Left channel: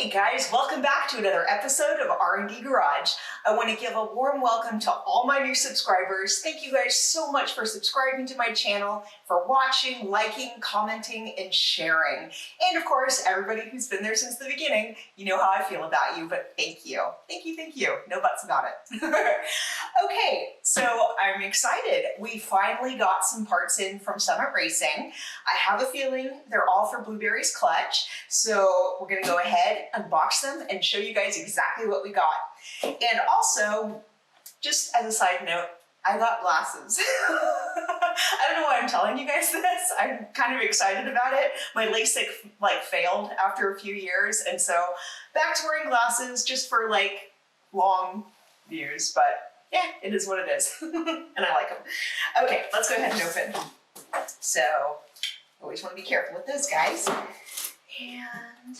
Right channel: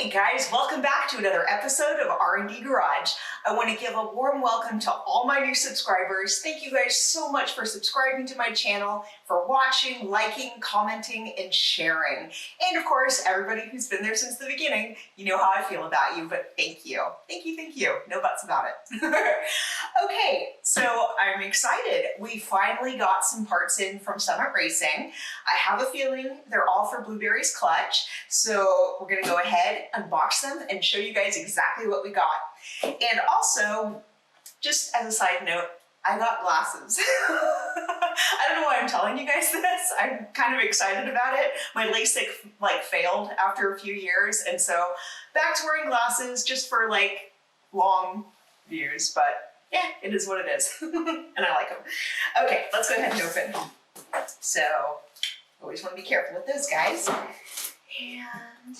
Hey guys, welcome back to another episode of R&D Garage. I want to give a warm welcome to all my new subscribers. Thank you guys so much for subscribing to my channel, for watching, liking, commenting, and sharing. And of course, everybody who's been there since the beginning, you know how I feel about you, but thank you. Thank you, thank you. No buts about it. Okay, so I'm excited. We finally got some parts in from Summit Racing. I have a feeling they're all for Blueberry's clutch, so we're gonna go ahead, unbox them, and show you guys exactly what we got. And also, just as a side note, I got glasses. I don't know why I'm telling you guys this. I'm kind of excited about it. My LASIK failed after a few years, and so back to wearing glasses just for long views, but yeah, it is what it is. And I like them. Okay, let's go ahead and open. So, always want to be careful with those guys. And,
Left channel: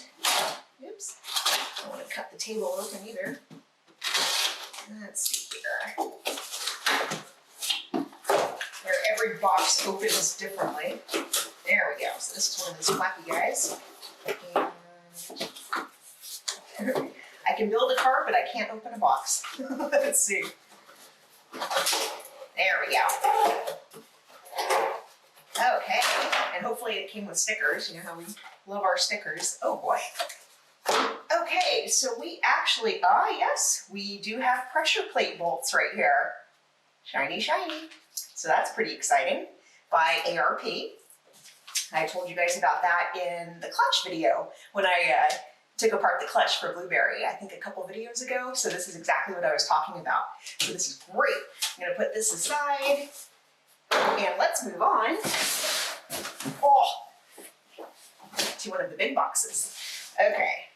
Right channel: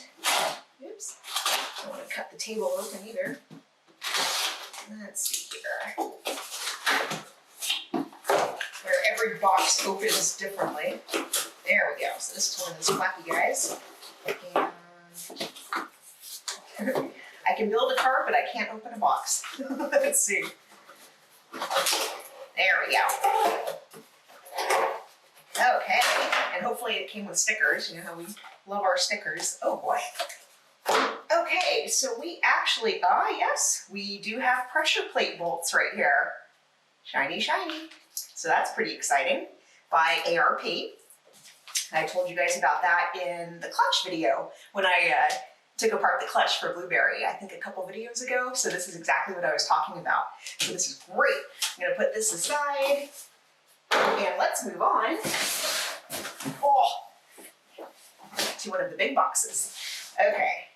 oops, I don't want to cut the table open either. Let's see here. Where every box opens differently. There we go. So this is one of those flappy guys. And I can build a car, but I can't open a box. Let's see. There we go. Okay, and hopefully it came with stickers. You know how we love our stickers. Oh boy. Okay, so we actually, yes, we do have pressure plate bolts right here. Shiny, shiny. So that's pretty exciting, by ARP. I told you guys about that in the clutch video when I took apart the clutch for Blueberry, I think a couple videos ago. So this is exactly what I was talking about. So this is great. I'm gonna put this aside and let's move on to one of the big boxes. Okay,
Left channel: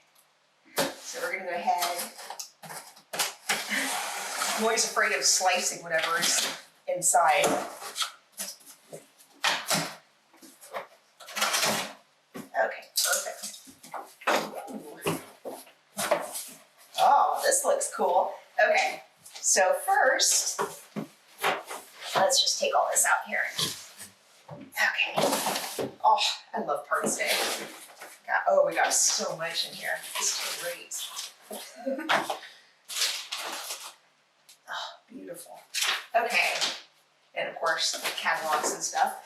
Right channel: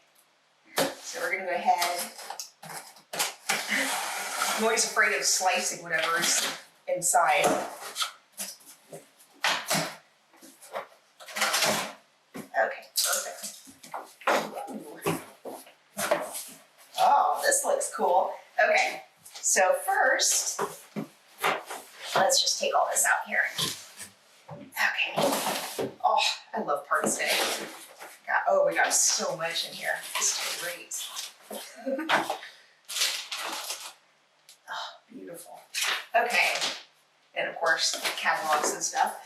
so we're gonna go ahead. I'm always afraid of slicing whatever is inside. Okay, perfect. Ooh. Oh, this looks cool. Okay, so first, let's just take all this out here. Okay. Oh, I love parts day. We got so much in here. This is great. Oh, beautiful. Okay. And of course, catalogs and stuff.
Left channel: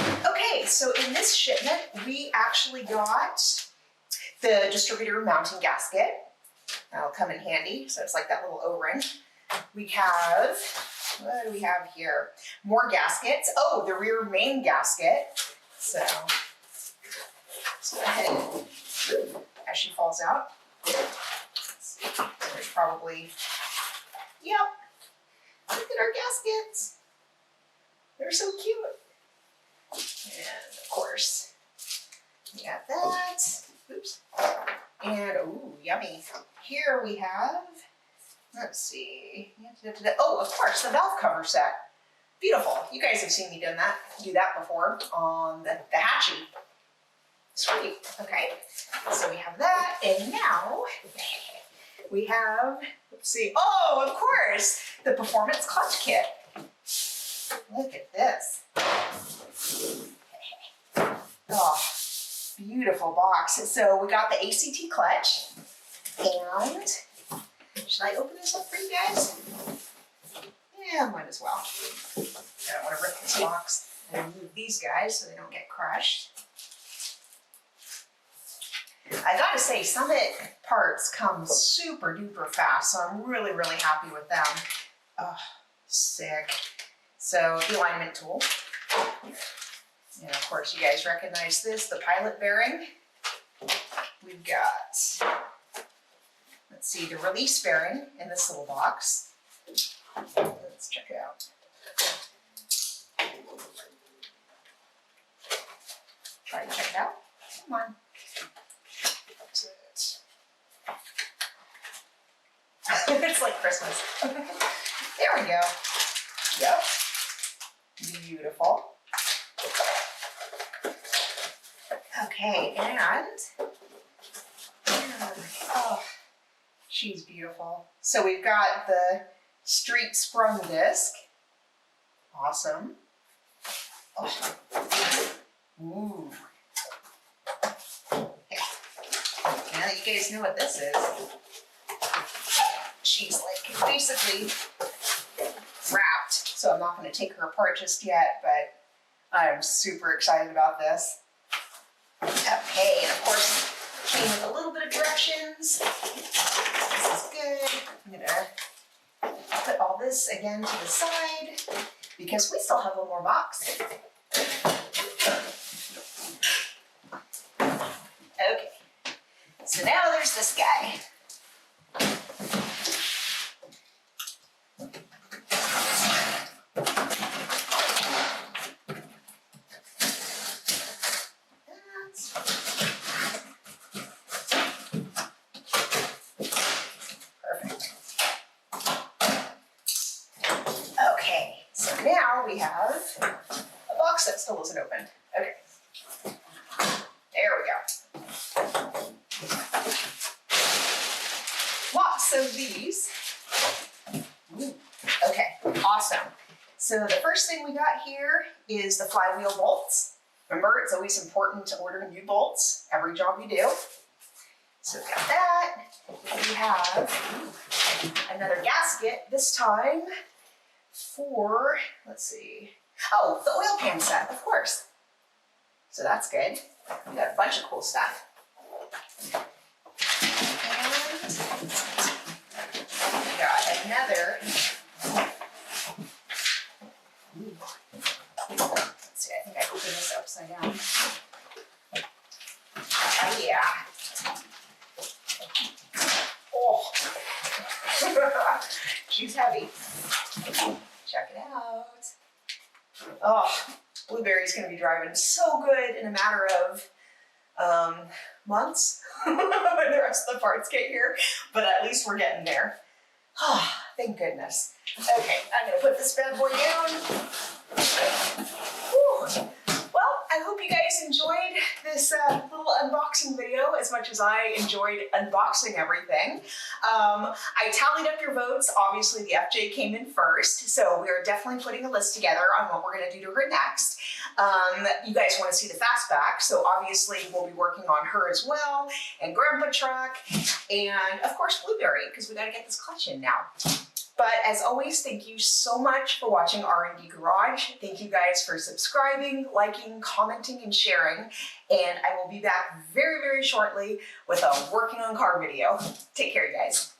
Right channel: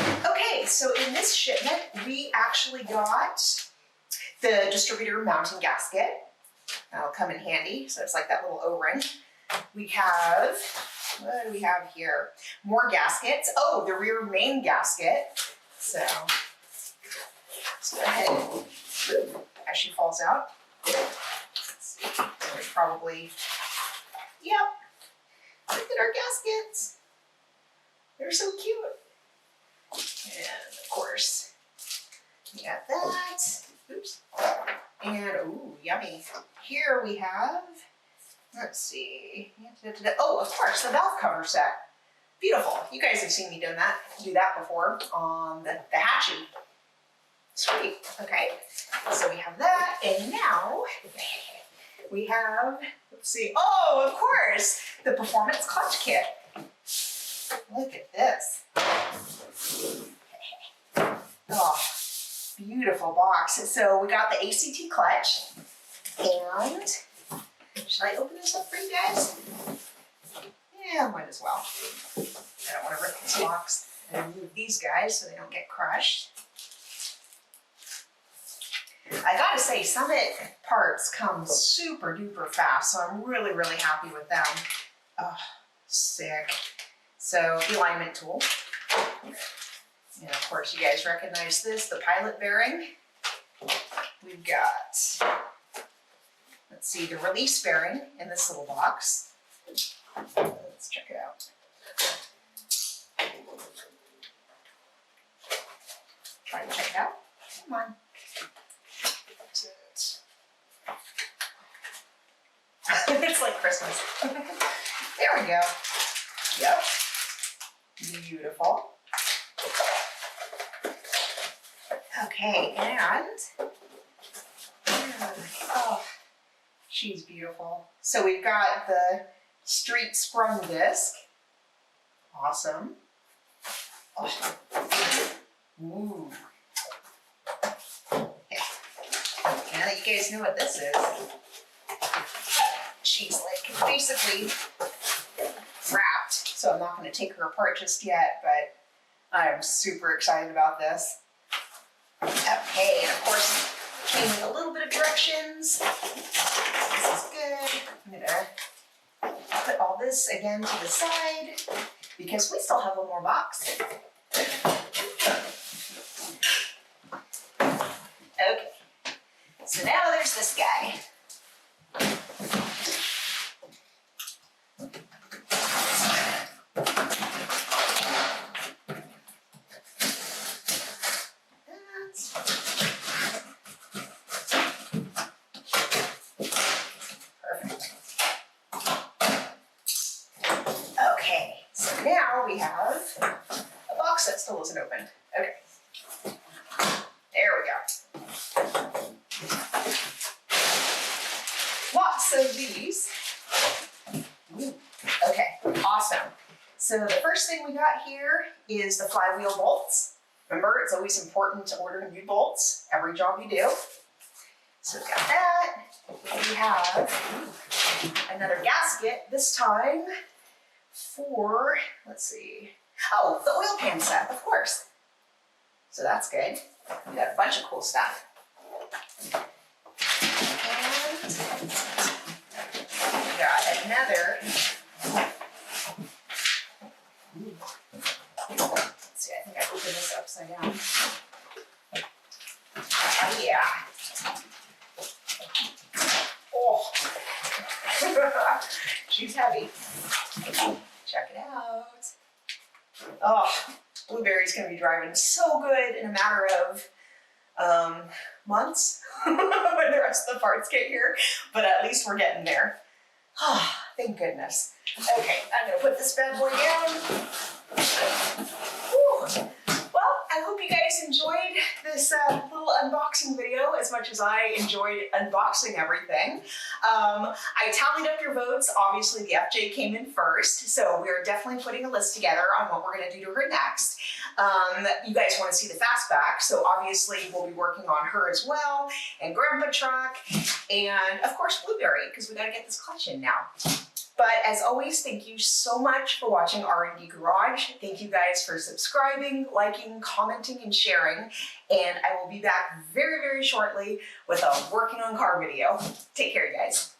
Okay, so in this shipment, we actually got the distributor mounting gasket. That'll come in handy. So it's like that little O-ring. We have, what do we have here? More gaskets. Oh, the rear main gasket. So let's go ahead and, as she falls out. Let's see. There's probably, yep. Look at our gaskets. They're so cute. And of course, we got that. Oops. And, ooh, yummy. Here we have, let's see. Oh, of course, the valve cover set. Beautiful. You guys have seen me do that before on the Hatchie. Sweet. Okay. So we have that. And now we have, let's see. Oh, of course, the performance clutch kit. Look at this. Oh, beautiful box. So we got the ACT clutch. And should I open this up for you guys? Yeah, might as well. I don't want to rip this box and move these guys so they don't get crushed. I gotta say, Summit parts come super duper fast, so I'm really, really happy with them. Oh, sick. So, the alignment tool. And of course, you guys recognize this, the pilot bearing. We've got, let's see, the release bearing in this little box. Let's check it out. Try to check it out. Come on. That's it. It's like Christmas. There we go. Yep. Beautiful. Okay, and oh, she's beautiful. So we've got the street sprung disc. Awesome. Oh. Ooh. Okay. now that you guys know what this is, she's like basically wrapped, so I'm not going to take her apart just yet, but I'm super excited about this. Okay, and of course, came with a little bit of directions. This is good. I'm gonna put all this again to the side because we still have one more box. Okay, so now there's this guy. Now we have a box that still isn't opened. Okay, there we go. Lots of these. Ooh. Okay, awesome. So the first thing we got here is the flywheel bolts. Remember, it's always important to order new bolts every job you do. So we got that. We have another gasket, this time for, let's see, oh, the oil pan set, of course. So that's good. We got a bunch of cool stuff. And we got another, let's see, I think I opened this upside down. Yeah. Oh, she's heavy. Check it out. Oh, Blueberry's gonna be driving so good in a matter of months when the rest of the parts get here, but at least we're getting there. Oh, thank goodness. Okay, I'm gonna put this bad boy down. Whew. Well, I hope you guys enjoyed this little unboxing video as much as I enjoyed unboxing everything. I tallied up your votes. Obviously, the FJ came in first, so we are definitely putting a list together on what we're going to do to her next. You guys want to see the Fastback, so obviously we'll be working on her as well, and Grandpa Truck, and of course Blueberry, because we got to get this clutch in now. But as always, thank you so much for watching R&D Garage. Thank you guys for subscribing, liking, commenting, and sharing. And I will be back very, very shortly with a working on car video. Take care, you guys.